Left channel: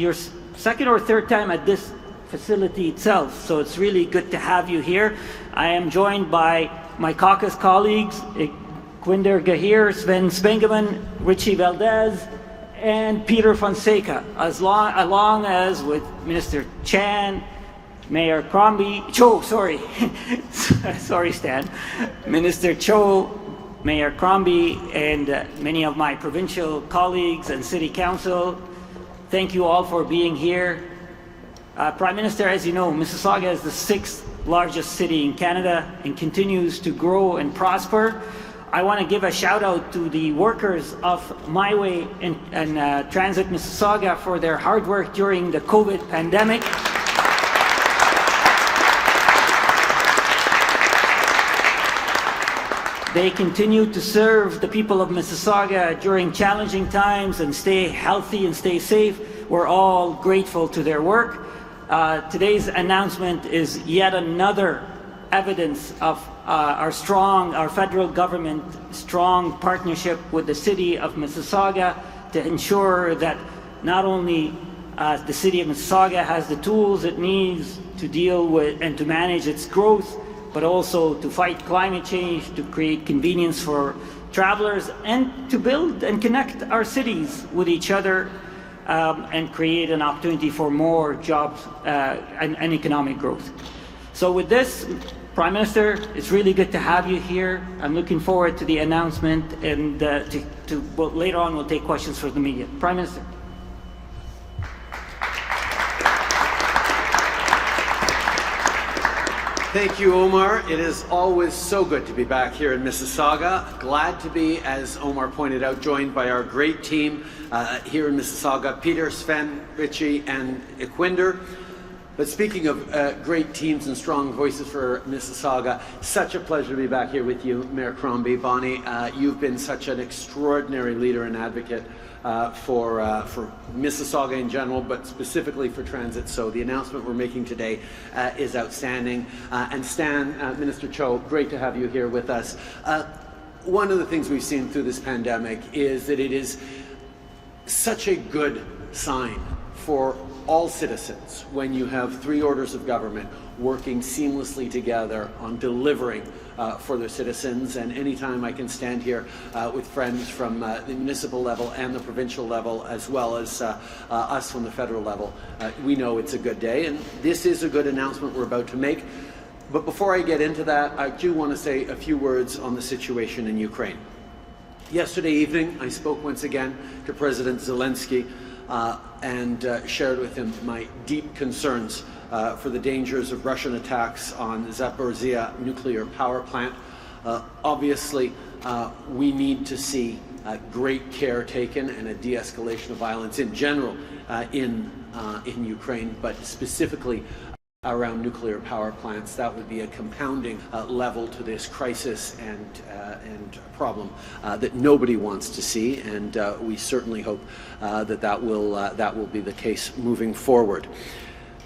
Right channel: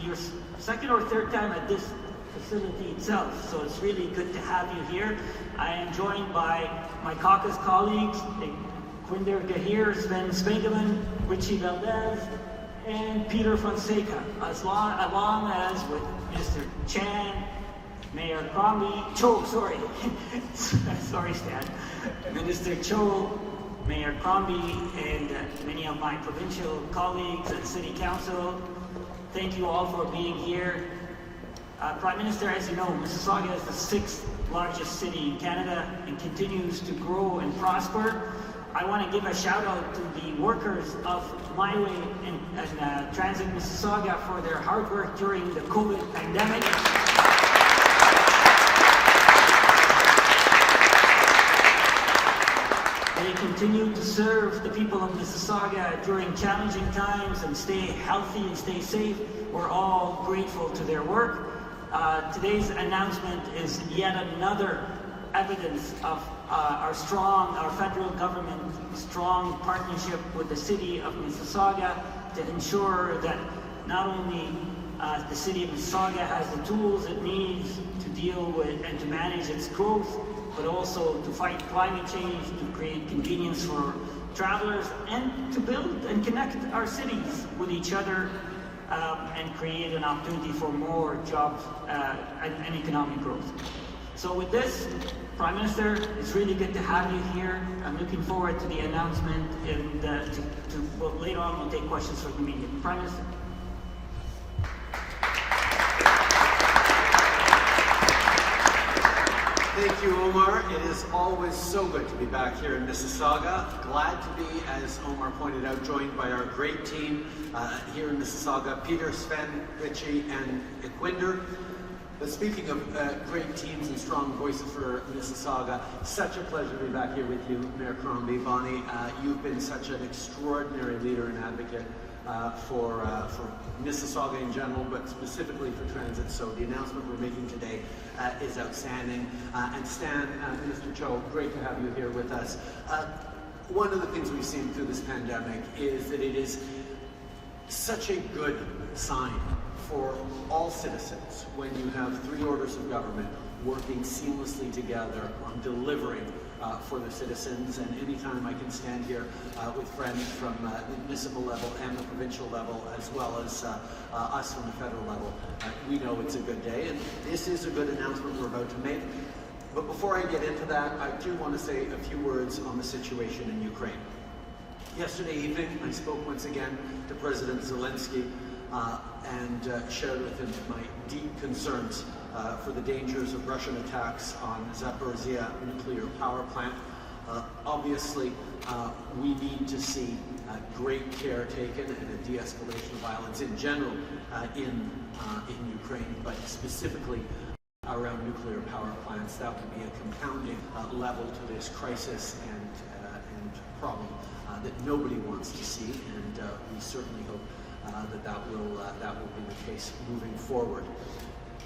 your second or third time at this facility itself, so it's really good to have you here. I am joined by my caucus colleagues, Quinder Gahir, Sven Spengeman, Richie Valdez, and Peter Fonseca, along as with Minister Chan, Mayor Cho, sorry Stan, Minister Cho, Mayor Crombie, and many of my provincial colleagues and City Council. Thank you all for being here. Prime Minister, as you know, Mississauga is the 6th largest city in Canada and continues to grow and prosper. I want to give a shout out to the workers of My Way and Transit Mississauga for their hard work during the COVID pandemic. They continue to serve the people of Mississauga during challenging times and stay healthy and stay safe. We're all grateful to their work. Today's announcement is yet another evidence of our federal government strong partnership with the City of Mississauga to ensure that not only the City of Mississauga has the tools it needs to deal with and to manage its growth, but also to fight climate change, to create convenience for travelers, and to build and connect our cities with each other and create an opportunity for more jobs and economic growth. So with this, Prime Minister, it's really good to have you here. I'm looking forward to the announcement, and later on we'll take questions from the media. Prime Minister. Thank you, Omar. It is always so good to be back here in Mississauga. Glad to be, as Omar pointed out, joined by our great team here in Mississauga, Peter, Sven, Richie, and Iquinder. But speaking of great teams and strong voices for Mississauga, such a pleasure to be back here with you, Mayor Crombie. Bonnie, you've been such an extraordinary leader and advocate for Mississauga in general, but specifically for transit. So the announcement we're making today is outstanding. And Stan, Minister Cho, great to have you here with us. One of the things we've seen through this pandemic is that it is such a good sign for all citizens when you have three orders of government working seamlessly together on delivering for their citizens. And anytime I can stand here with friends from the municipal level and the provincial level, as well as us from the federal level, we know it's a good day. And this is a good announcement we're about to make. But before I get into that, I do want to say a few words on the situation in Ukraine. Yesterday evening, I spoke once again to President Zelensky and shared with him my deep concerns for the dangers of Russian attacks on the Zaporizhia nuclear power plant. Obviously, we need to see great care taken and a de-escalation of violence in general in Ukraine, but specifically around nuclear power plants. That would be a compounding level to this crisis and problem that nobody wants to see, and we certainly hope that will be the case moving forward.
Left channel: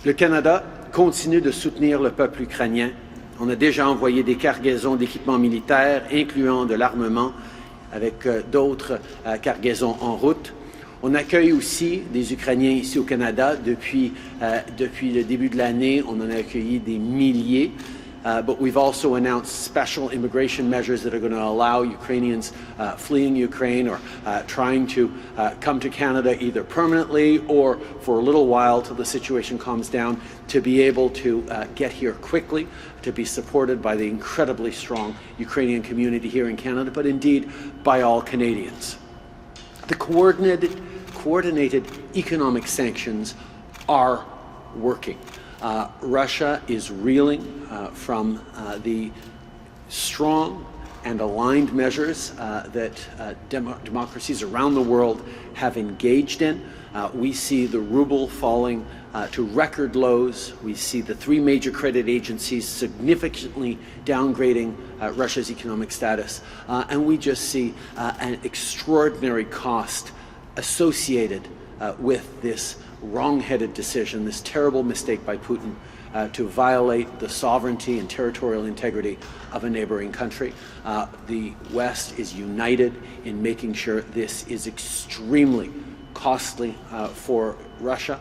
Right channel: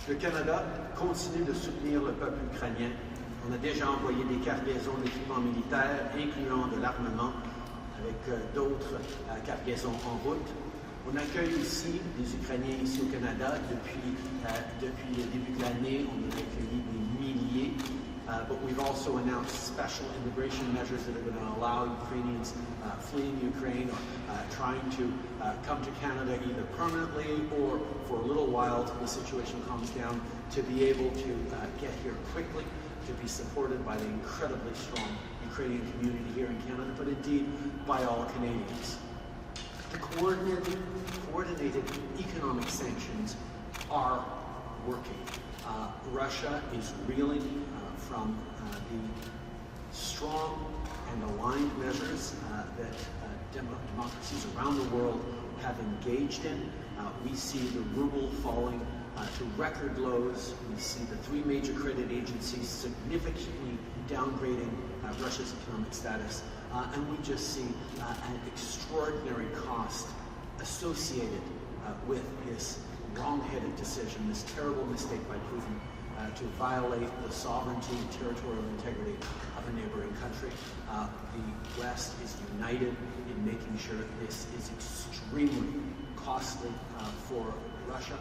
Le Canada continue de soutenir le peuple ukrainien. On a déjà envoyé des cargaisons d'équipements militaires, incluant de l'armement, avec d'autres cargaisons en route. On accueille aussi des Ukrainiens ici au Canada. Depuis le début de l'année, on en a accueilli des milliers. But we've also announced special immigration measures that are going to allow Ukrainians fleeing Ukraine or trying to come to Canada either permanently or for a little while till the situation calms down to be able to get here quickly, to be supported by the incredibly strong Ukrainian community here in Canada, but indeed by all Canadians. The coordinated economic sanctions are working. Russia is reeling from the strong and aligned measures that democracies around the world have engaged in. We see the ruble falling to record lows. We see the three major credit agencies significantly downgrading Russia's economic status. And we just see an extraordinary cost associated with this wrong-headed decision, this terrible mistake by Putin to violate the sovereignty and territorial integrity of a neighboring country. The West is united in making sure this is extremely costly for Russia.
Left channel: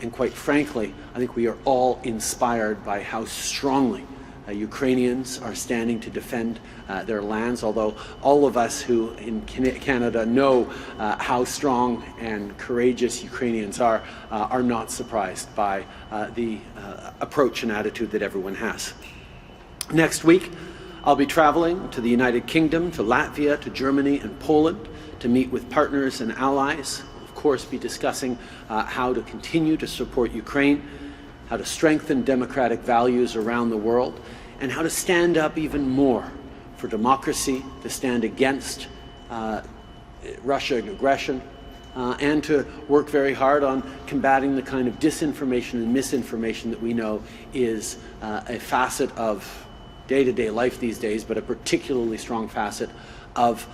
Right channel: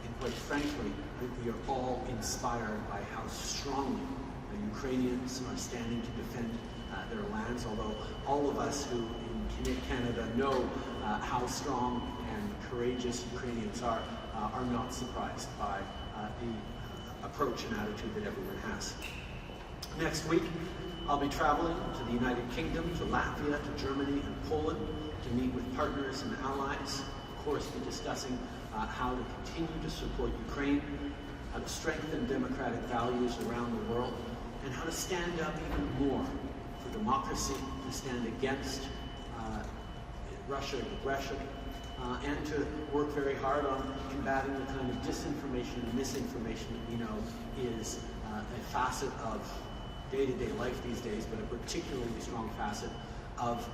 And quite frankly, I think we are all inspired by how strongly Ukrainians are standing to defend their lands, although all of us who in Canada know how strong and courageous Ukrainians are not surprised by the approach and attitude that everyone has. Next week, I'll be traveling to the United Kingdom, to Latvia, to Germany and Poland to meet with partners and allies. Of course, be discussing how to continue to support Ukraine, how to strengthen democratic values around the world, and how to stand up even more for democracy, to stand against Russian aggression, and to work very hard on combating the kind of disinformation and misinformation that we know is a facet of day-to-day life these days, but a particularly strong facet of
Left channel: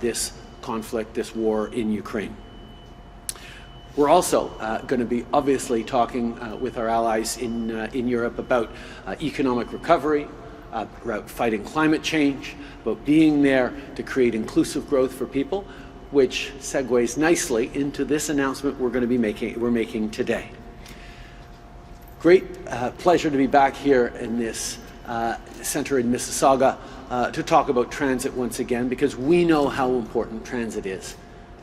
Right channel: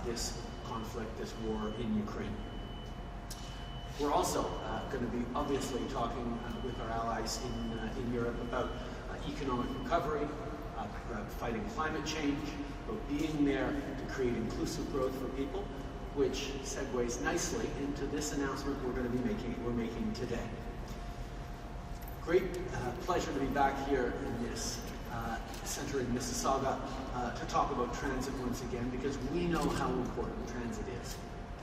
this conflict, this war in Ukraine. We're also going to be obviously talking with our allies in Europe about economic recovery, about fighting climate change, about being there to create inclusive growth for people, which segues nicely into this announcement we're making today. Great pleasure to be back here in this center in Mississauga to talk about transit once again, because we know how important transit is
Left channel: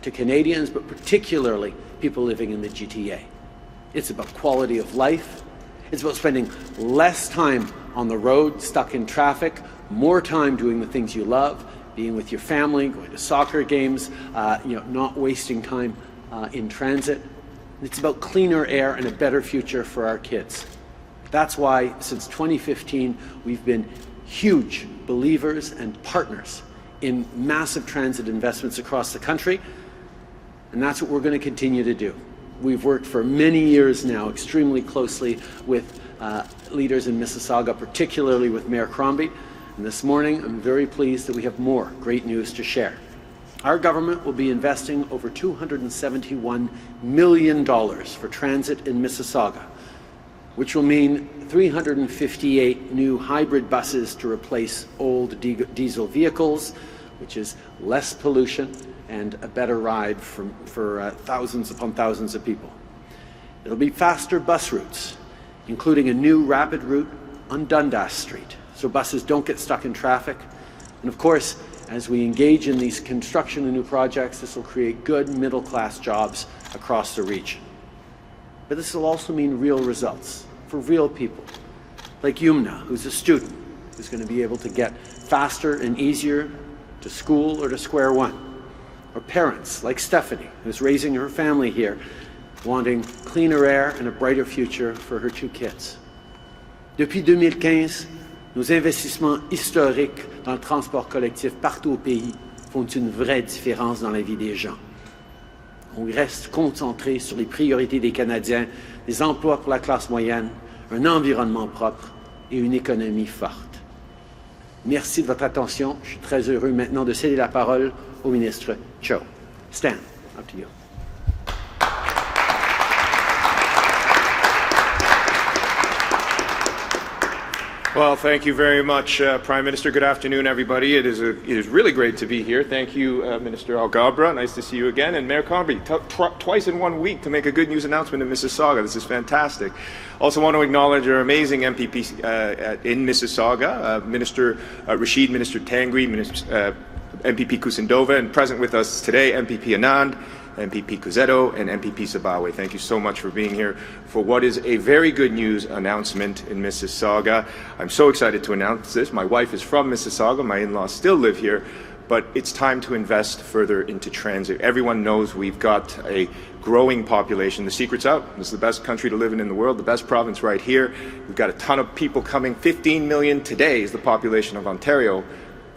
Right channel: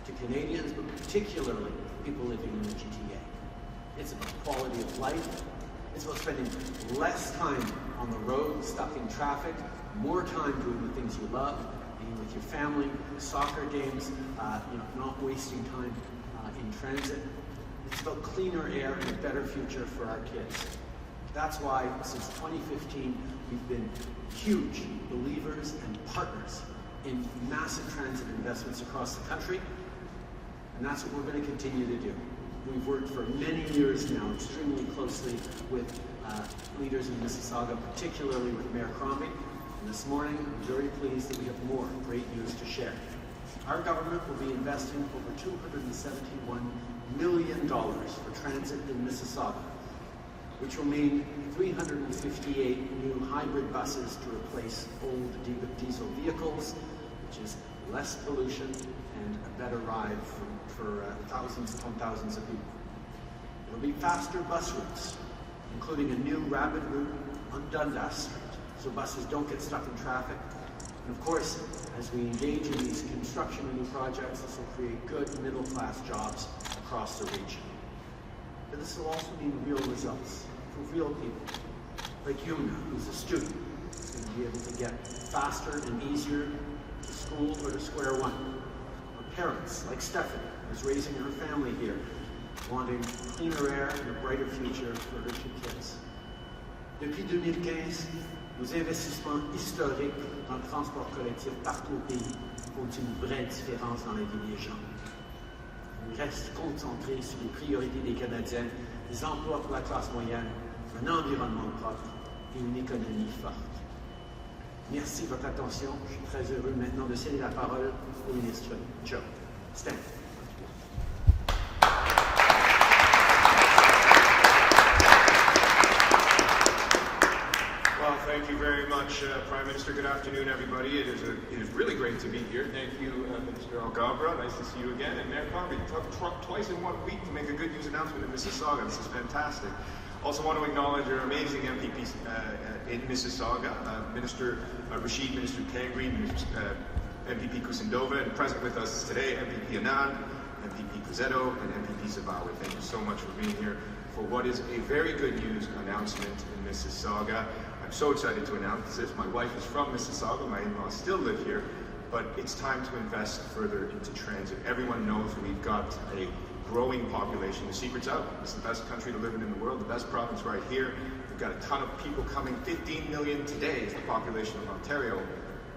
to Canadians, but particularly people living in the GTA. It's about quality of life. It's about spending less time on the road, stuck in traffic, more time doing the things you love, being with your family, going to soccer games, not wasting time in transit. It's about cleaner air and a better future for our kids. That's why, since 2015, we've been huge believers and partners in massive transit investments across the country, and that's what we're going to continue to do. We've worked for many years now extremely closely with leaders in Mississauga, particularly with Mayor Crombie, and this morning I'm very pleased that we have more great news to share. Our government will be investing over $271 million for transit in Mississauga, which will mean 358 new hybrid buses to replace old diesel vehicles, which is less pollution and a better ride for thousands upon thousands of people. It'll be faster bus routes, including a new rapid route on Dundas Street, so buses don't get stuck in traffic. And of course, as we engage in these construction and new projects, this will create good middle-class jobs across the region. But this will also mean real results for real people, like Yumna, who's a student, who's going to be able to get faster and easier to school or to Square One. Or parents, like Stephanie, who's raising her family here, wanting cleaner air and a brighter future for her two kids. Depuis 2015, nos investissements historiques dans le transport collectif partout au pays font une vraie différence dans la vie des gens. On reste concentré sur les priorités des Canadiens, des emplois pour la classe moyenne, un environnement propre et une économie forte. Merci de votre attention. Je suis très heureux maintenant de céder la parole au ministre Trudeau. Stan, up to you. Well, thank you very much, Prime Minister. Good afternoon, everybody. It is really great to be here. Thank you, Minister Algabra. Nice to see you again. And Mayor Crombie, twice in 1 week to make a good news announcement in Mississauga. This is fantastic. Also want to acknowledge our amazing MPPs in Mississauga, Minister Rashid, Minister Tangri, MPP Kusindova, and present with us today, MPP Anand, MPP Cusetto, and MPP Sabawe. Thank you so much for being here for what is a very good news announcement in Mississauga. I'm so excited to announce this. My wife is from Mississauga. My in-laws still live here, but it's time to invest further into transit. Everyone knows we've got a growing population. The secret's out. This is the best country to live in the world, the best province right here. We've got a ton of people coming. 15 million today is the population of Ontario.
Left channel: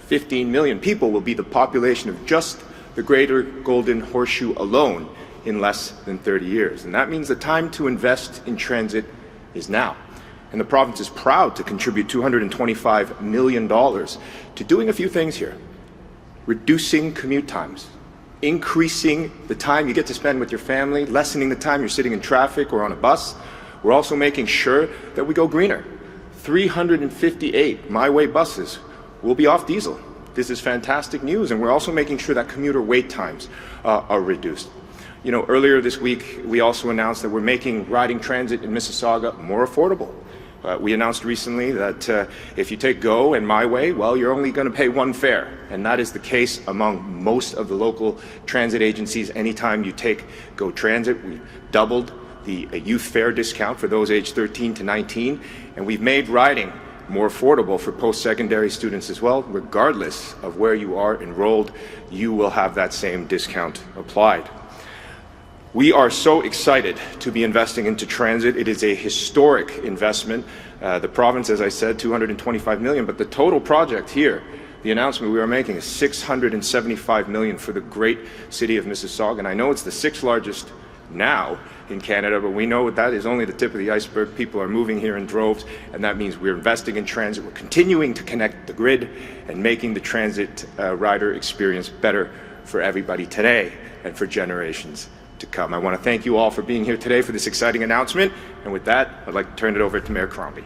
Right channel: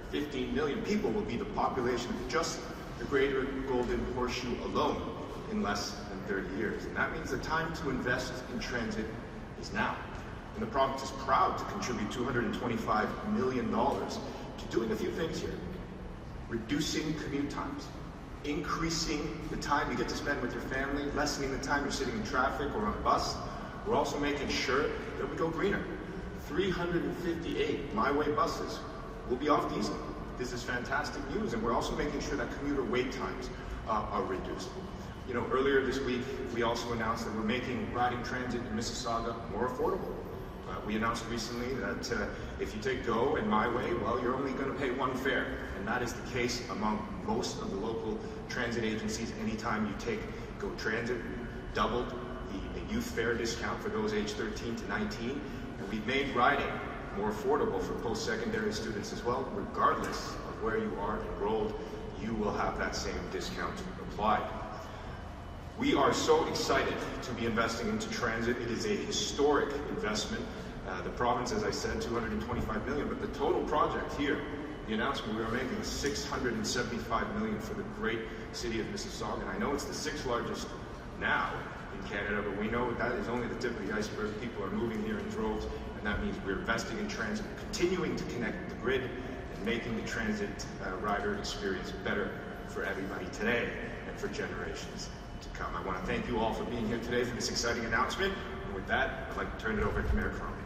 15 million people will be the population of just the Greater Golden Horseshoe alone in less than 30 years. And that means the time to invest in transit is now. And the province is proud to contribute $225 million to doing a few things here. Reducing commute times, increasing the time you get to spend with your family, lessening the time you're sitting in traffic or on a bus. We're also making sure that we go greener. 358 My Way buses will be off diesel. This is fantastic news, and we're also making sure that commuter wait times are reduced. You know, earlier this week, we also announced that we're making riding transit in Mississauga more affordable. We announced recently that if you take GO and My Way, well, you're only going to pay one fare. And that is the case among most of the local transit agencies. Anytime you take GO Transit, we doubled the youth fare discount for those aged 13 to 19. And we've made riding more affordable for post-secondary students as well. Regardless of where you are enrolled, you will have that same discount applied. We are so excited to be investing into transit. It is a historic investment. The province, as I said, $225 million, but the total project here, the announcement we are making is $675 million for the great city of Mississauga. And I know it's the 6th largest now in Canada, but we know that is only the tip of the iceberg. People are moving here in droves, and that means we're investing in transit. We're continuing to connect the grid and making the transit rider experience better for everybody today and for generations to come. I want to thank you all for being here today for this exciting announcement. And with that, I'd like to turn it over to Mayor Crombie.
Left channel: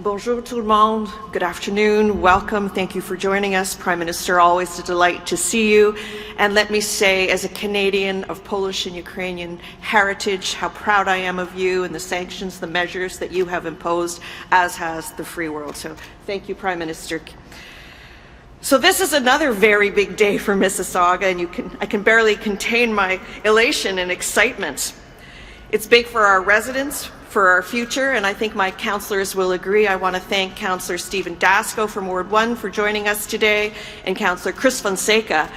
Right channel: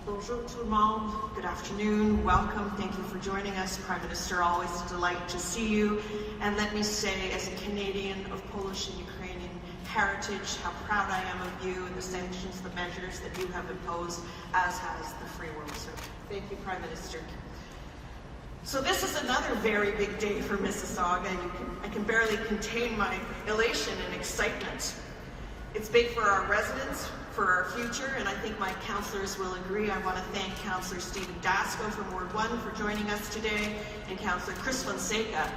Bonjour tout le monde. Good afternoon. Welcome. Thank you for joining us. Prime Minister, always a delight to see you. And let me say, as a Canadian of Polish and Ukrainian heritage, how proud I am of you and the sanctions, the measures that you have imposed, as has the free world. So thank you, Prime Minister. So this is another very big day for Mississauga, and I can barely contain my elation and excitement. It's big for our residents, for our future, and I think my councillors will agree. I want to thank Councillor Stephen Dasco from Ward 1 for joining us today, and Councillor Chris Fonseca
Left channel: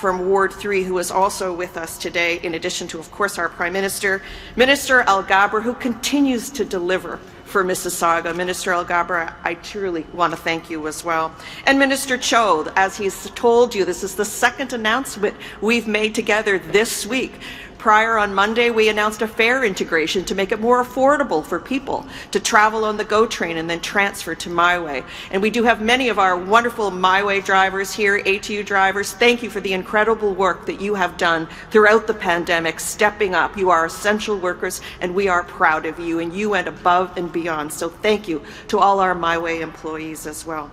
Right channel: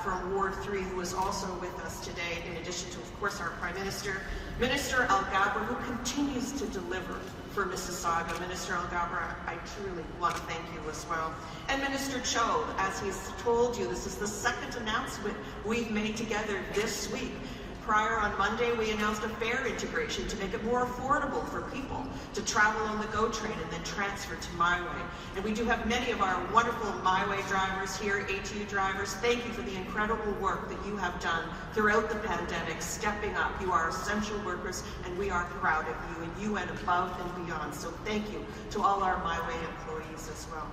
from Ward 3, who is also with us today, in addition to, of course, our Prime Minister, Minister Alghabra, who continues to deliver for Mississauga. Minister Alghabra, I truly want to thank you as well. And Minister Cho, as he's told you, this is the 2nd announcement we've made together this week. Prior on Monday, we announced a fare integration to make it more affordable for people to travel on the GO train and then transfer to My Way. And we do have many of our wonderful My Way drivers here, ATU drivers. Thank you for the incredible work that you have done throughout the pandemic, stepping up. You are essential workers, and we are proud of you, and you went above and beyond. So thank you to all our My Way employees as well.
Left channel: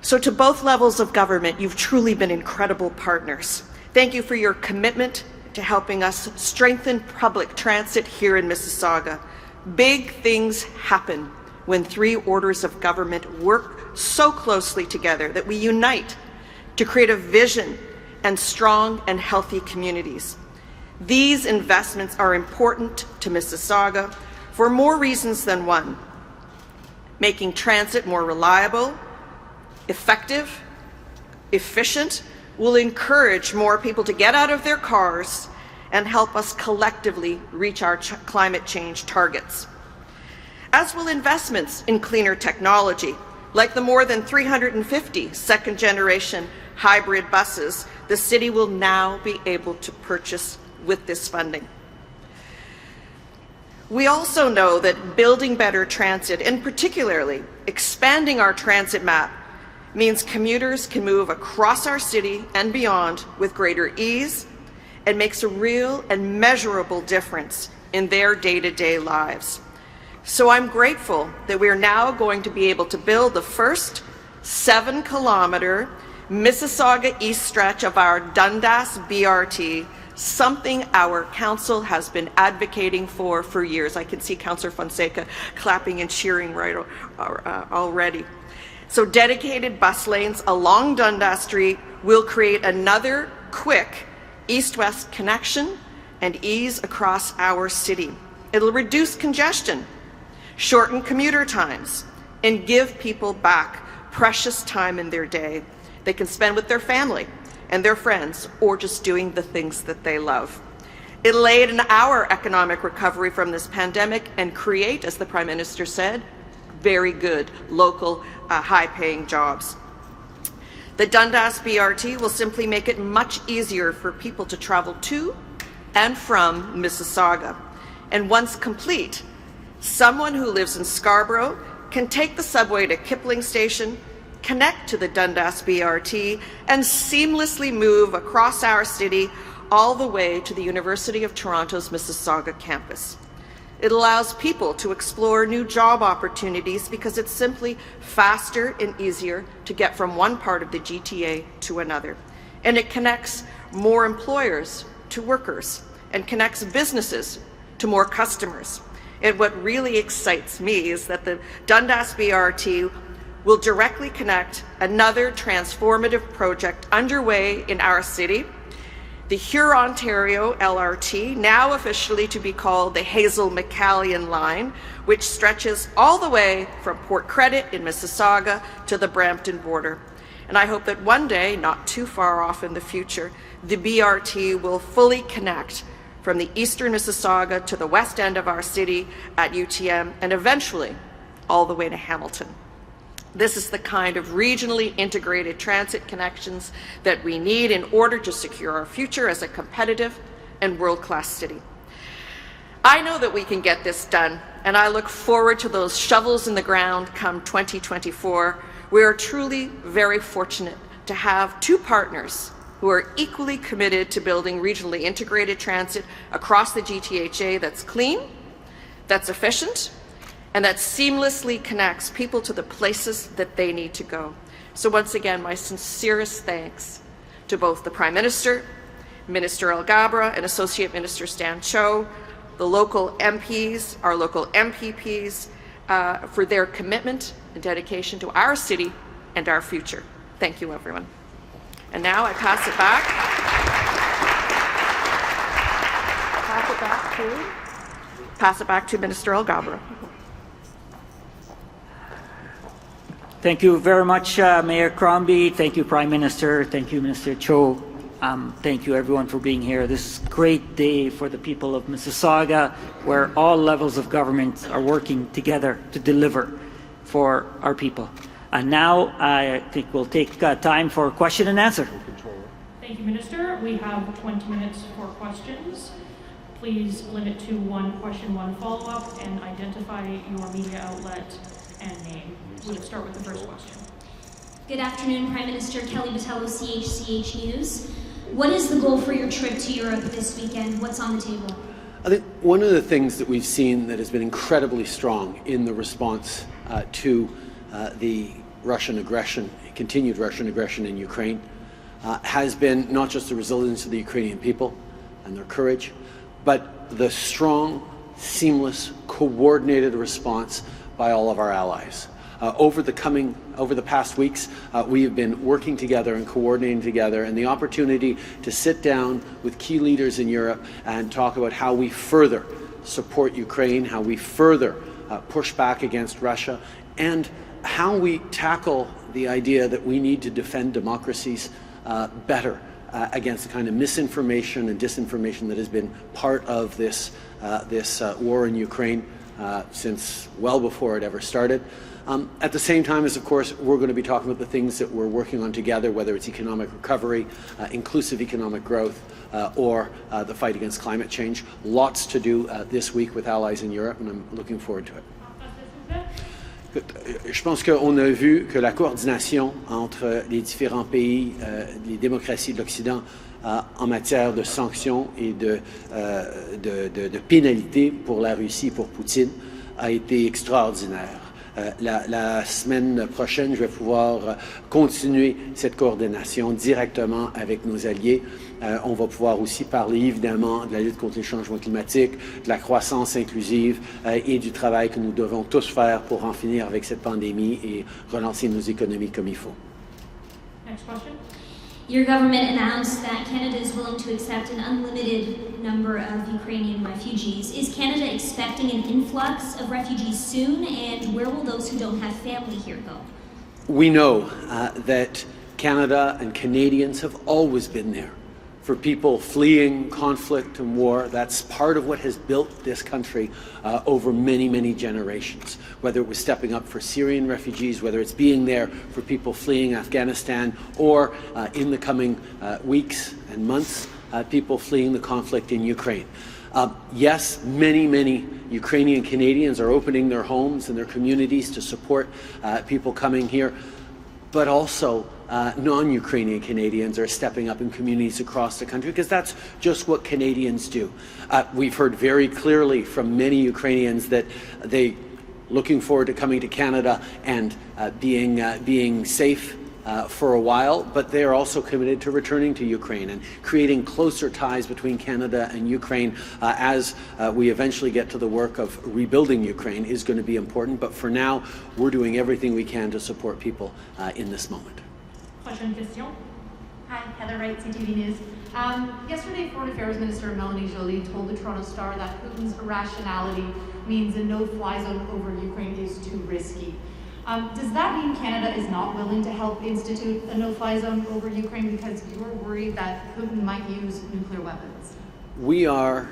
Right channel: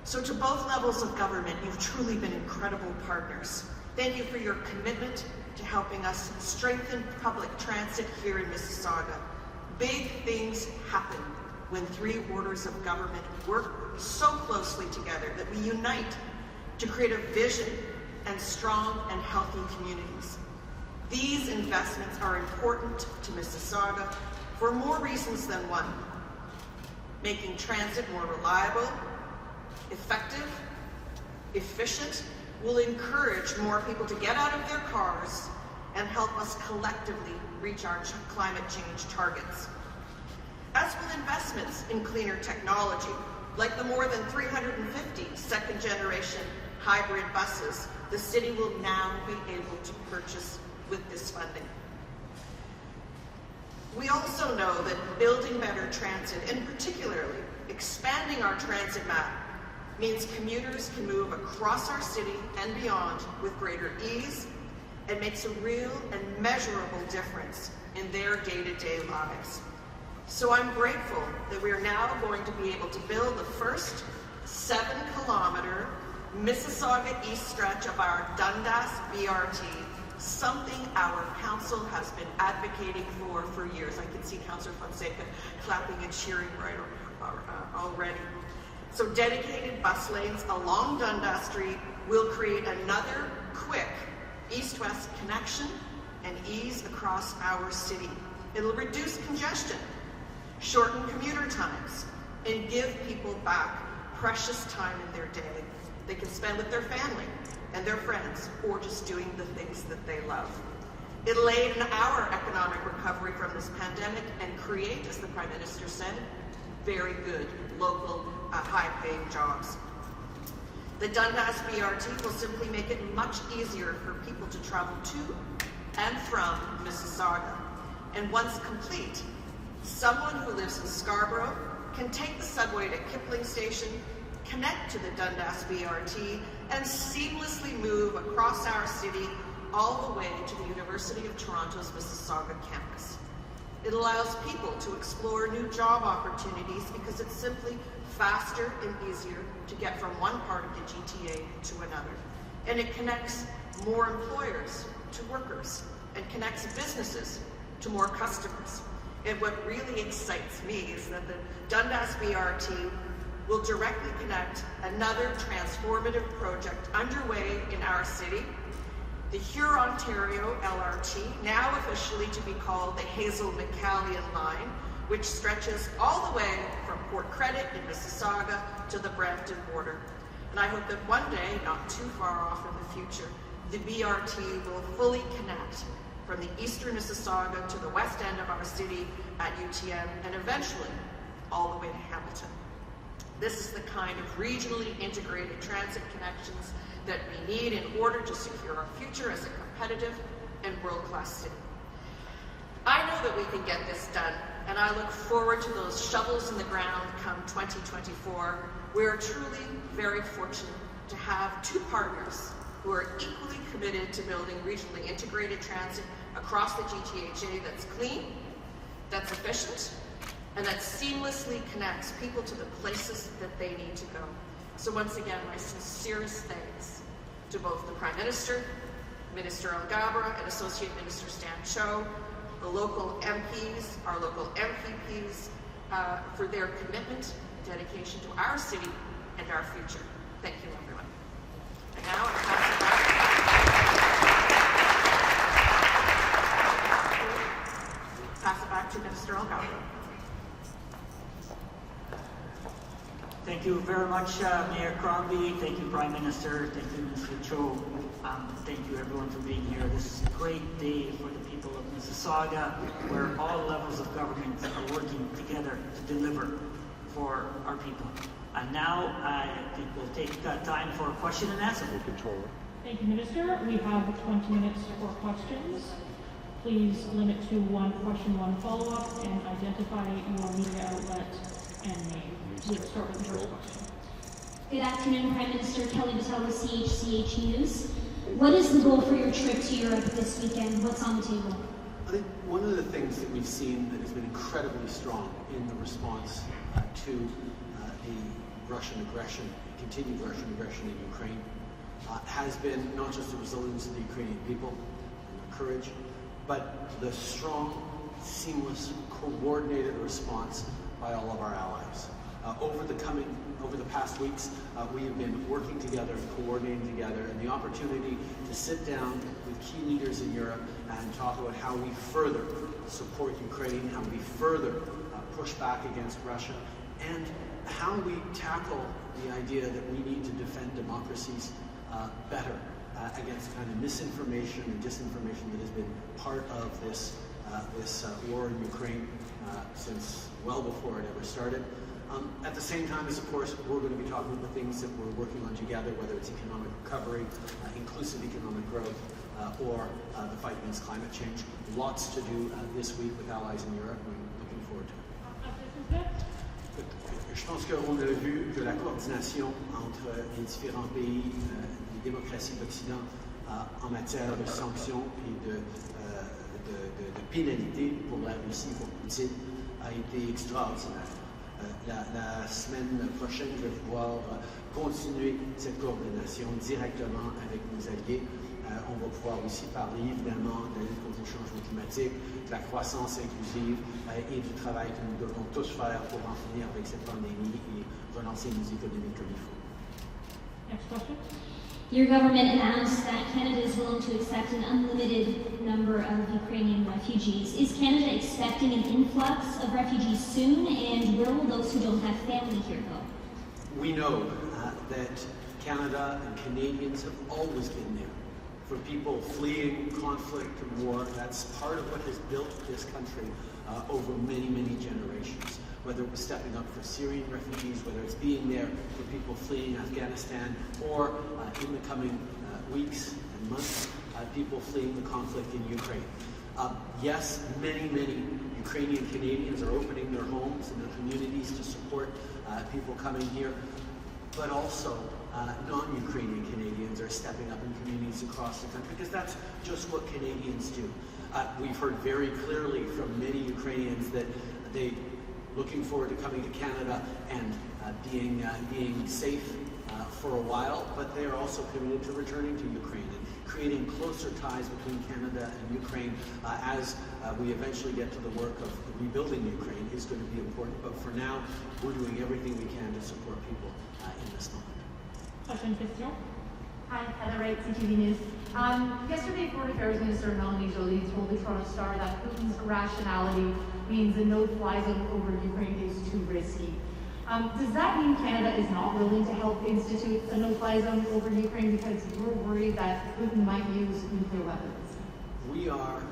So to both levels of government, you've truly been incredible partners. Thank you for your commitment to helping us strengthen public transit here in Mississauga. Big things happen when 3 orders of government work so closely together that we unite to create a vision and strong and healthy communities. These investments are important to Mississauga for more reasons than one. Making transit more reliable, effective, efficient, will encourage more people to get out of their cars and help us collectively reach our climate change targets. As will investments in cleaner technology, like the more than 350 second-generation hybrid buses the city will now be able to purchase with this funding. We also know that building better transit, and particularly expanding our transit map, means commuters can move across our city and beyond with greater ease, and makes a real and measurable difference in their day-to-day lives. So I'm grateful that we're now going to be able to build the first 7-kilometer Mississauga East stretch of our Dundas BRT, something our council has been advocating for years. I can see Councillor Fonseca clapping and cheering right already. So dedicated bus lanes along Dundas Street will create another quick east-west connection and ease across our city. It'll reduce congestion, shorten commuter times, and give people back precious time in their day they can spend with their family and their friends, or just doing the things that they love. It'll aid in our economic recovery from this pandemic and create, as the Prime Minister said, very good local high-paying jobs. The Dundas BRT will simply make it much easier for people to travel to and from Mississauga. And once complete, someone who lives in Scarborough can take the subway to Kipling Station, connect to the Dundas BRT, and seamlessly move across our city all the way to the University of Toronto's Mississauga campus. It allows people to explore new job opportunities because it's simply faster and easier to get from one part of the GTA to another. And it connects more employers to workers and connects businesses to more customers. And what really excites me is that the Dundas BRT will directly connect another transformative project underway in our city, the Huron-Ontario LRT, now officially to be called the Hazel-McCallion Line, which stretches all the way from Port Credit in Mississauga to the Brampton border. And I hope that one day, not too far off in the future, the BRT will fully connect from the eastern Mississauga to the west end of our city at UTM, and eventually all the way to Hamilton. This is the kind of regionally integrated transit connections that we need in order to secure our future as a competitive and world-class city. I know that we can get this done, and I look forward to those shovels in the ground come 2024. We are truly very fortunate to have two partners who are equally committed to building regionally integrated transit across the GTHA that's clean, that's efficient, and that seamlessly connects people to the places that they need to go. So once again, my sincerest thanks to both the Prime Minister, Minister Alghabra, and Associate Minister Stan Cho, the local MPs, our local MPPs, for their commitment and dedication to our city and our future. Thank you, everyone. And now I pass it back to Minister Alghabra. Thank you very much, Mayor Crombie. Thank you, Prime Minister. Thank you, Minister Cho. Thank you, everyone, for being here. This is a great day for the people of Mississauga, where all levels of government are working together to deliver for our people. And now I think we'll take time for question and answer. Thank you, Minister. We have 20 minutes for questions. Please limit to one question, one follow-up, and identify your media outlet and name. We'll start with the first question. Good afternoon, Prime Minister. Kelly Patel with CHCH News. What is the goal for your trip to Europe this weekend? What's on the table? I think one of the things that we've seen that has been incredibly strong in the response to the Russian aggression, continued Russian aggression in Ukraine, has been not just the resilience of the Ukrainian people and their courage, but the strong, seamless, coordinated response by all of our allies. Over the past weeks, we have been working together and coordinating together, and the opportunity to sit down with key leaders in Europe and talk about how we further support Ukraine, how we further push back against Russia, and how we tackle the idea that we need to defend democracies better against the kind of misinformation and disinformation that has been part of this war in Ukraine since well before it ever started. At the same time as, of course, we're going to be talking about the things that we're working on together, whether it's economic recovery, inclusive economic growth, or the fight against climate change. Lots to do this week with allies in Europe, and I'm looking forward to it. Je pense qu'on a vu que la coordination entre les différents pays, les démocraties de l'Occident, en matière de sanctions et de pénalités pour la Russie, pour Poutine, a été extraordinaire. La semaine prochaine, je vais pouvoir continuer cette coordination directement avec nos alliés. On va pouvoir aussi parler évidemment de la lutte contre les changements climatiques, de la croissance inclusive et du travail que nous devons tous faire pour en finir avec cette pandémie et relancer nos économies comme il faut. Next question. Your government announced that Canada is willing to accept an unlimited number of Ukrainian refugees. Is Canada expecting an influx of refugees soon, and where will those who don't have family here go? We know that Canada and Canadians have always been there for people fleeing conflict and war. That's part of what has built this country over many, many generations. Whether it was stepping up for Syrian refugees, whether it's being there for people fleeing Afghanistan, or in the coming weeks and months, people fleeing the conflict in Ukraine. Yes, many, many Ukrainian Canadians are opening their homes and their communities to support people coming here, but also non-Ukrainian Canadians are stepping up in communities across the country, because that's just what Canadians do. We've heard very clearly from many Ukrainians that they looking forward to coming to Canada and being safe for a while, but they are also committed to returning to Ukraine and creating closer ties between Canada and Ukraine as we eventually get to the work of rebuilding Ukraine is going to be important. But for now, we're doing everything we can to support people in this moment. Question, question. Hi, Heather Wright, CTV News. Yesterday, Foreign Affairs Minister Melanie Joly told the Toronto Star that Putin's irrationality means a no-fly zone over Ukraine is too risky. Does that mean Canada is not willing to help institute a no-fly zone over Ukraine because you're worried that Putin might use nuclear weapons? We are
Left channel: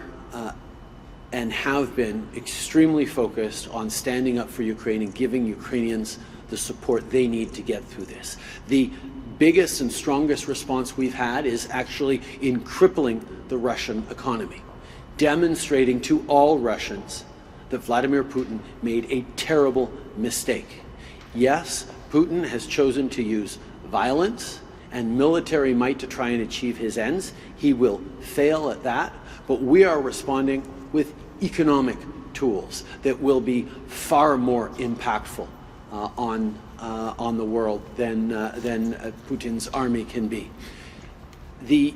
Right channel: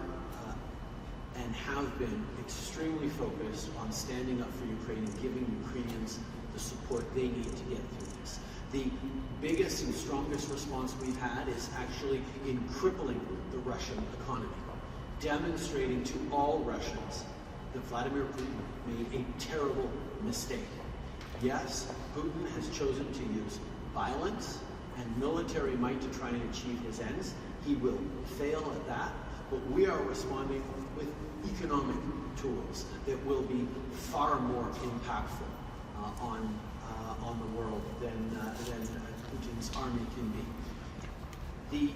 and have been extremely focused on standing up for Ukraine and giving Ukrainians the support they need to get through this. The biggest and strongest response we've had is actually in crippling the Russian economy, demonstrating to all Russians that Vladimir Putin made a terrible mistake. Yes, Putin has chosen to use violence and military might to try and achieve his ends. He will fail at that, but we are responding with economic tools that will be far more impactful on the world than Putin's army can be. The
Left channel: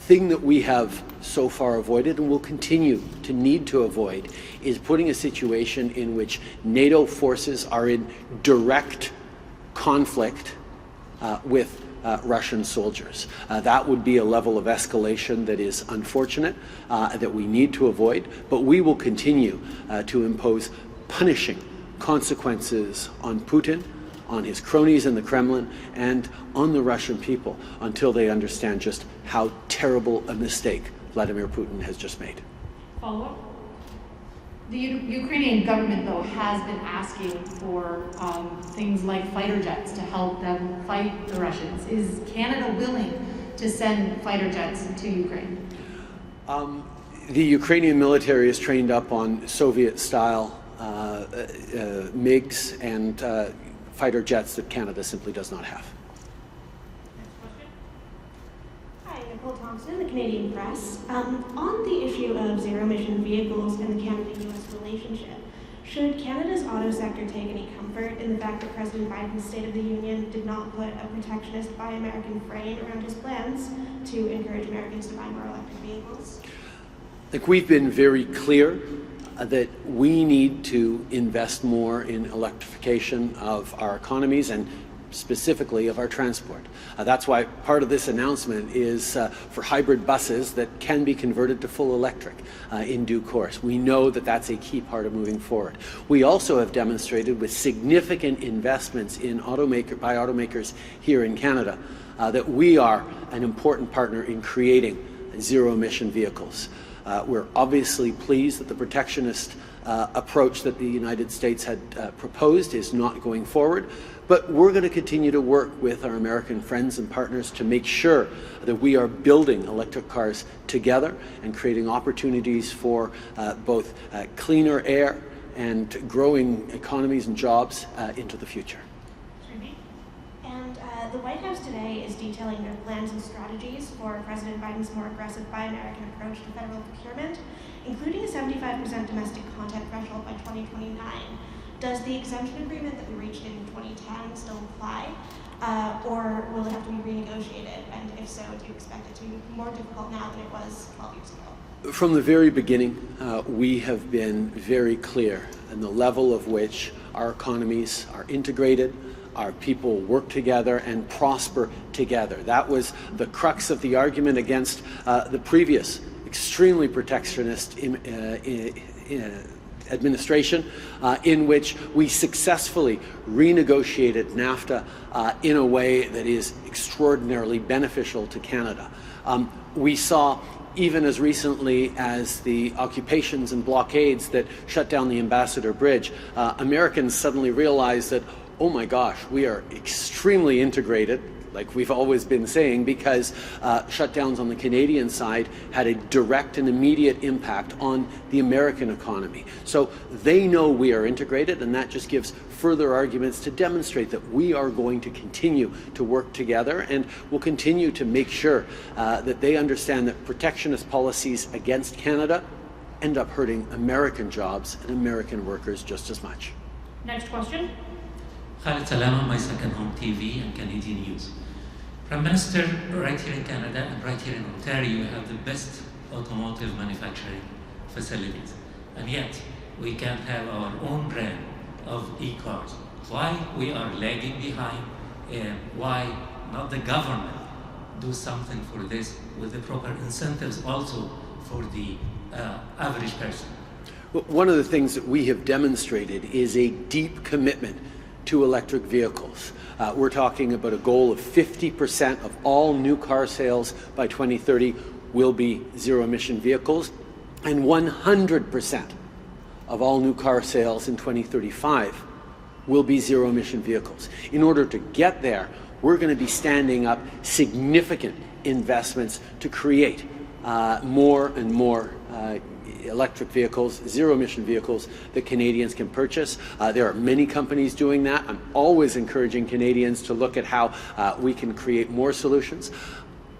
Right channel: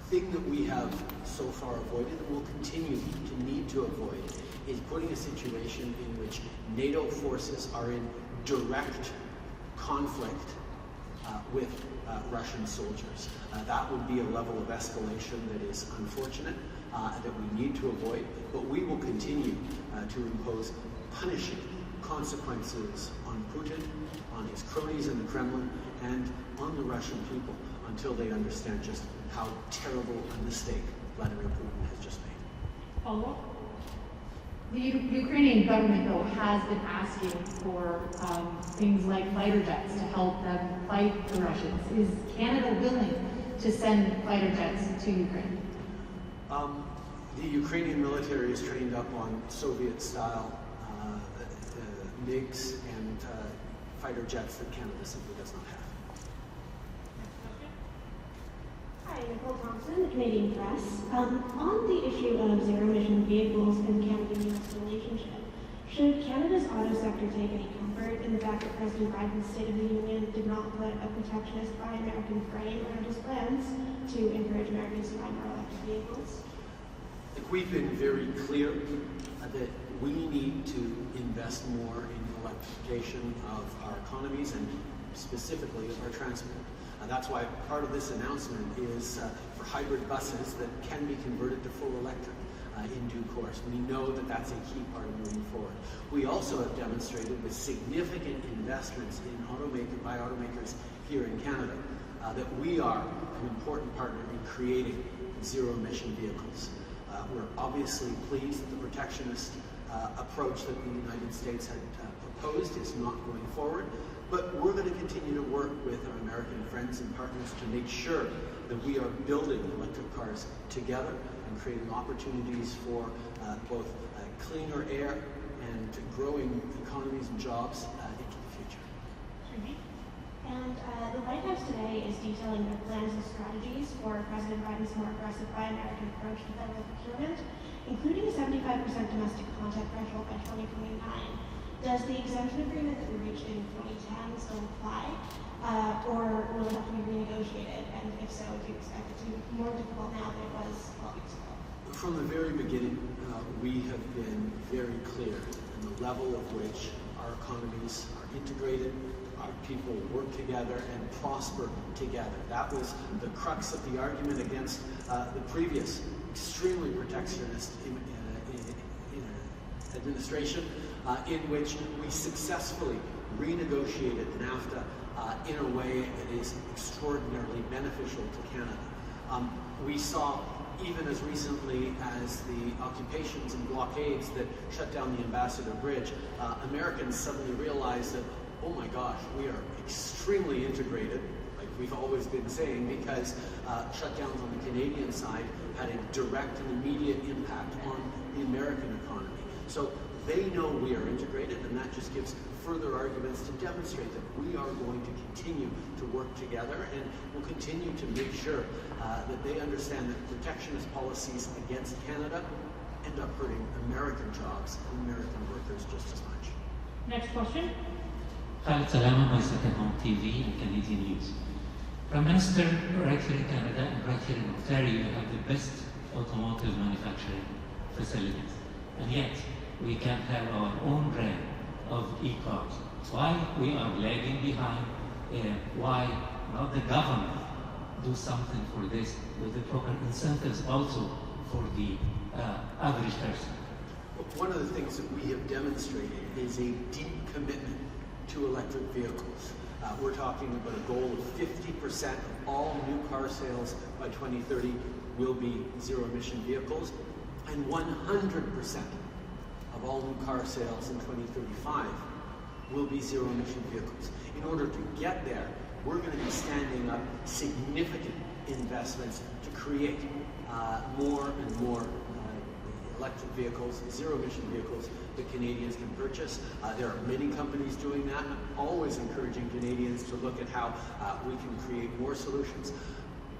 thing that we have so far avoided and will continue to need to avoid is putting a situation in which NATO forces are in direct conflict with Russian soldiers. That would be a level of escalation that is unfortunate, that we need to avoid, but we will continue to impose punishing consequences on Putin, on his cronies in the Kremlin, and on the Russian people until they understand just how terrible a mistake Vladimir Putin has just made. Follow-up? The Ukrainian government, though, has been asking for things like fighter jets to help them fight the Russians. Is Canada willing to send fighter jets to Ukraine? The Ukrainian military is trained up on Soviet-style MiGs and fighter jets that Canada simply does not have. Hi, Nicole Thompson, the Canadian Press. On the issue of zero-emission vehicles and the Canada-US relationship, should Canada's auto sector take any comfort in the fact that President Biden's State of the Union did not put a protectionist Buy American frame around his plans to encourage Americans to buy more electric vehicles? I think we've been very clear that we need to invest more in electrification of our economies and specifically of our transport. That's why part of this announcement is for hybrid buses that can be converted to full electric in due course. We know that that's a key part of moving forward. We also have demonstrated with significant investments in by automakers here in Canada that we are an important partner in creating zero-emission vehicles. We're obviously pleased that the protectionist approach that the United States had proposed is not going forward, but we're going to continue to work with our American friends and partners to make sure that we are building electric cars together and creating opportunities for both cleaner air and growing economies and jobs into the future. And the White House today is detailing their plans and strategies for President Biden's more aggressive Buy American approach to federal procurement, including a 75% domestic content threshold by 2029. Does the exemption agreement that we reached in 2010 still apply, or will it have to be renegotiated? And if so, do you expect it to be more difficult now than it was 12 weeks ago? From the very beginning, we have been very clear in the level of which our economies are integrated, our people work together and prosper together. That was the crux of the argument against the previous extremely protectionist administration, in which we successfully renegotiated NAFTA in a way that is extraordinarily beneficial to Canada. We saw, even as recently as the occupations and blockades that shut down the Ambassador Bridge, Americans suddenly realized that, oh my gosh, we are extremely integrated. like we've always been saying, because shutdowns on the Canadian side had a direct and immediate impact on the American economy. So they know we are integrated, and that just gives further arguments to demonstrate that we are going to continue to work together, and will continue to make sure that they understand that protectionist policies against Canada end up hurting American jobs and American workers just as much. Next question. Khalid Salama, my second home TV and Canadian News. Prime Minister, right here in Canada and right here in Ontario, you have the best automotive manufacturing facilities. And yet, we can't have our own brand of e-cars. Why we are lagging behind? Why not the government do something for this with the proper incentives also for the average person? One of the things that we have demonstrated is a deep commitment to electric vehicles. We're talking about a goal of 50% of all new car sales by 2030 will be zero-emission vehicles, and 100% of all new car sales in 2035 will be zero-emission vehicles. In order to get there, we're going to be standing up significant investments to create more and more electric vehicles, zero-emission vehicles that Canadians can purchase. There are many companies doing that. I'm always encouraging Canadians to look at how we can create more solutions.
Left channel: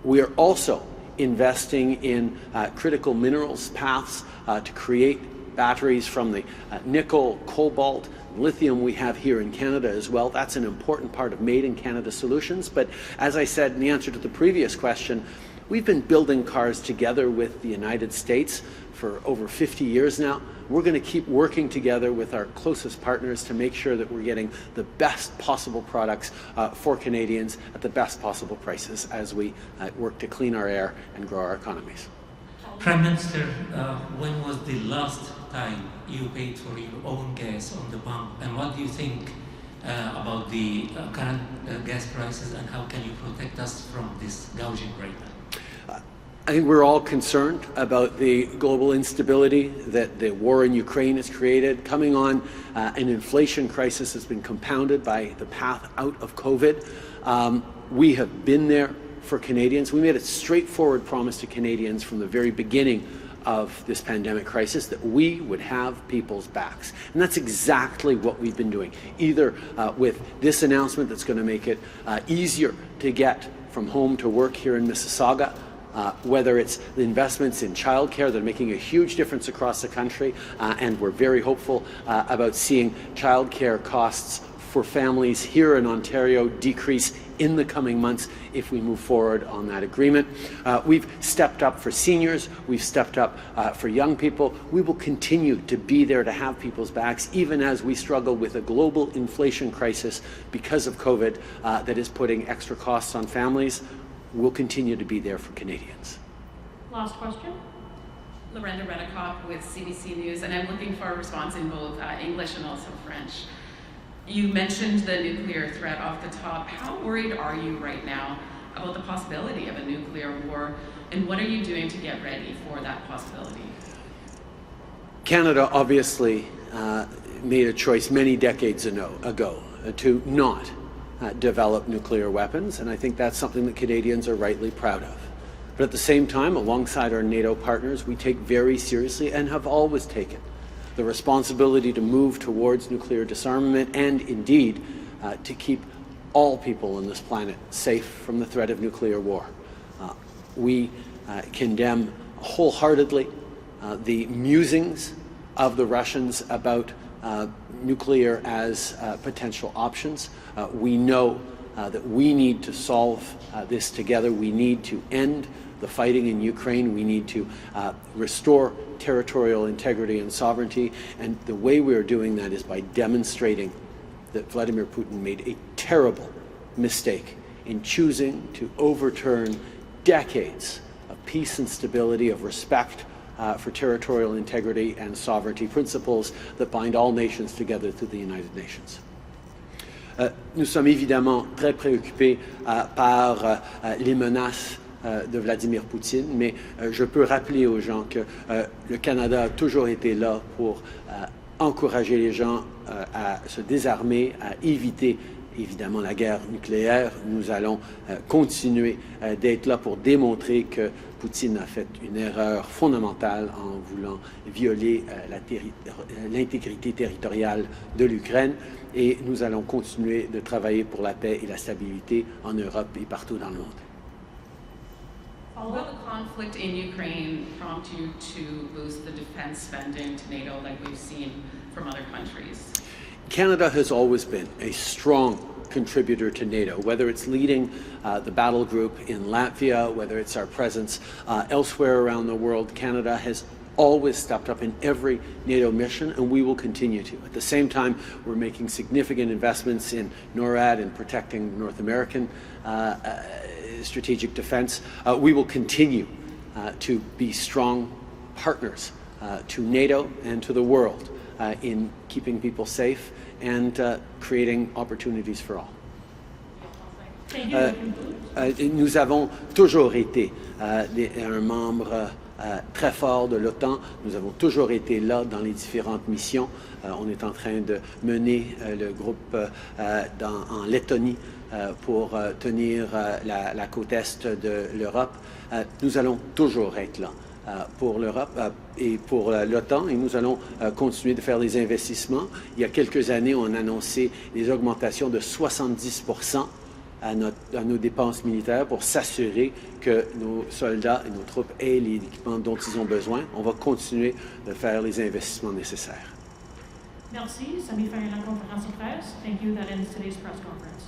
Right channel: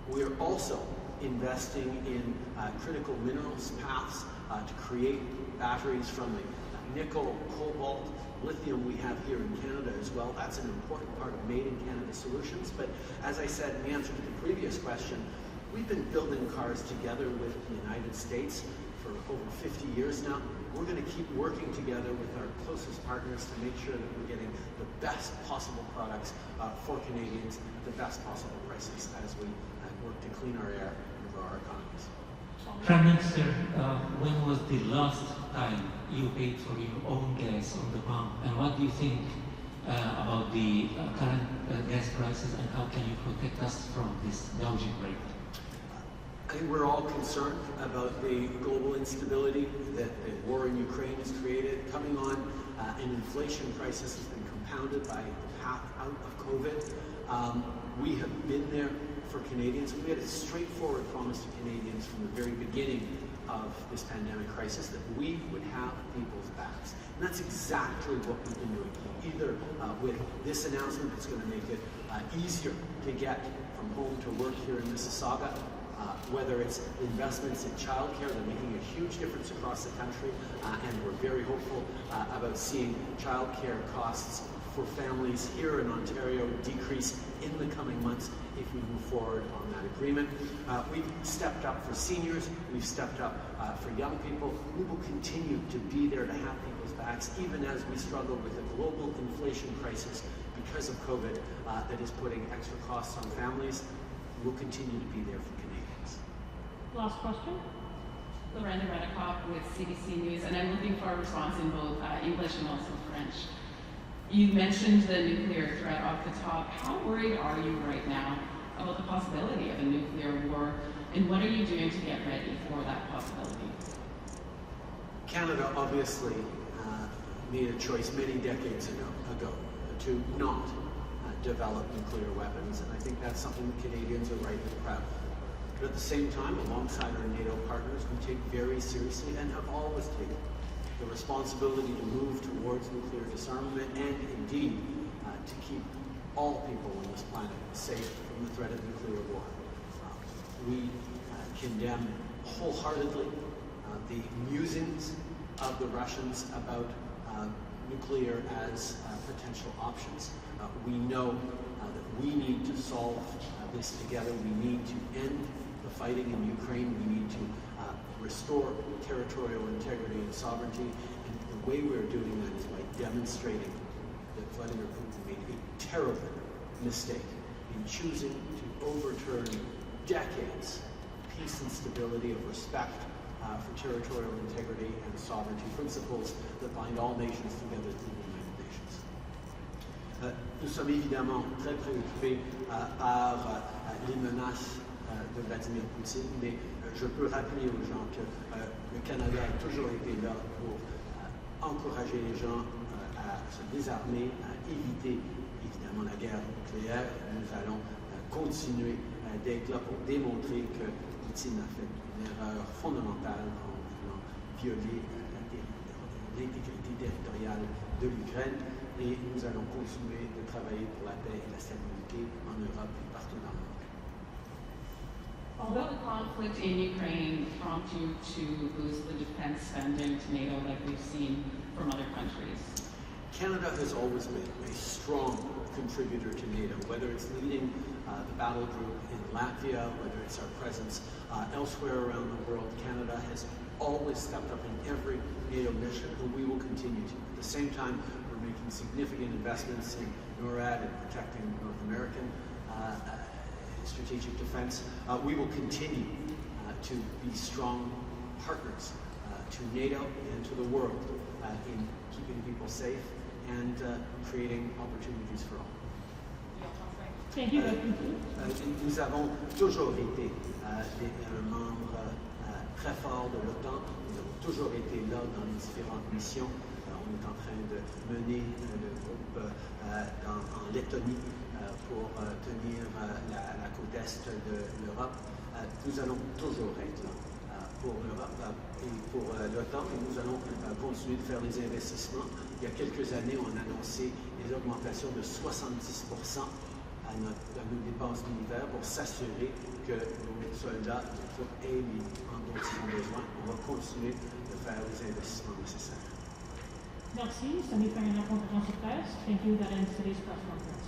We are also investing in critical minerals paths to create batteries from the nickel, cobalt, lithium we have here in Canada as well. That's an important part of Made in Canada solutions. But as I said in the answer to the previous question, we've been building cars together with the United States for over 50 years now. We're going to keep working together with our closest partners to make sure that we're getting the best possible products for Canadians at the best possible prices as we work to clean our air and grow our economies. Prime Minister, when was the last time you paid for your own gas on the pump, and what do you think about the current gas prices, and how can you protect us from this gouging rate? I think we're all concerned about the global instability that the war in Ukraine has created. Coming on an inflation crisis has been compounded by the path out of COVID. We have been there for Canadians. We made a straightforward promise to Canadians from the very beginning of this pandemic crisis that we would have people's backs. And that's exactly what we've been doing, either with this announcement that's going to make it easier to get from home to work here in Mississauga, whether it's the investments in childcare that are making a huge difference across the country, and we're very hopeful about seeing childcare costs for families here in Ontario decrease in the coming months if we move forward on that agreement. We've stepped up for seniors, we've stepped up for young people. We will continue to be there to have people's backs, even as we struggle with a global inflation crisis because of COVID that is putting extra costs on families. We'll continue to be there for Canadians. Last question. Lorenda Redikoff with CBC News, and I'm looking for a response in both English and also French. You mentioned the nuclear threat off the top. How worried are you right now about the possibility of a nuclear war, and what are you doing to get ready for that possibility? Canada obviously made a choice many decades ago to not develop nuclear weapons, and I think that's something that Canadians are rightly proud of. But at the same time, alongside our NATO partners, we take very seriously and have always taken the responsibility to move towards nuclear disarmament and indeed to keep all people on this planet safe from the threat of nuclear war. We condemn wholeheartedly the musings of the Russians about nuclear as potential options. We know that we need to solve this together. We need to end the fighting in Ukraine. We need to restore territorial integrity and sovereignty. And the way we are doing that is by demonstrating that Vladimir Putin made a terrible mistake in choosing to overturn decades of peace and stability, of respect for territorial integrity and sovereignty, principles that bind all nations together through the United Nations. Nous sommes évidemment très préoccupés par les menaces de Vladimir Poutine, mais je peux rappeler aux gens que le Canada a toujours été là pour encourager les gens à se désarmer, à éviter évidemment la guerre nucléaire. Nous allons continuer d'être là pour démontrer que Poutine a fait une erreur fondamentale en voulant violer l'intégrité territoriale de l'Ukraine. Et nous allons continuer de travailler pour la paix et la stabilité en Europe et partout dans le monde. Will the conflict in Ukraine prompt you to boost the defense spending to NATO like we've seen from other countries? Canada has always been a strong contributor to NATO, whether it's leading the battle group in Latvia, whether it's our presence elsewhere around the world. Canada has always stepped up in every NATO mission, and we will continue to. At the same time, we're making significant investments in NORAD and protecting North American strategic defense. We will continue to be strong partners to NATO and to the world in keeping people safe and creating opportunities for all. Nous avons toujours été un membre très fort de l'OTAN. Nous avons toujours été là dans les différentes missions. On est en train de mener le groupe en Lettonie pour tenir la côte est de l'Europe. Nous allons toujours être là pour l'Europe et pour l'OTAN, et nous allons continuer de faire des investissements. Il y a quelques années, on a annoncé des augmentations de 70% à nos dépenses militaires pour s'assurer que nos soldats et nos troupes aient les équipements dont ils ont besoin. On va continuer de faire les investissements nécessaires. Merci, Sami Farinako for House Affairs. Thank you. That ends today's press conference.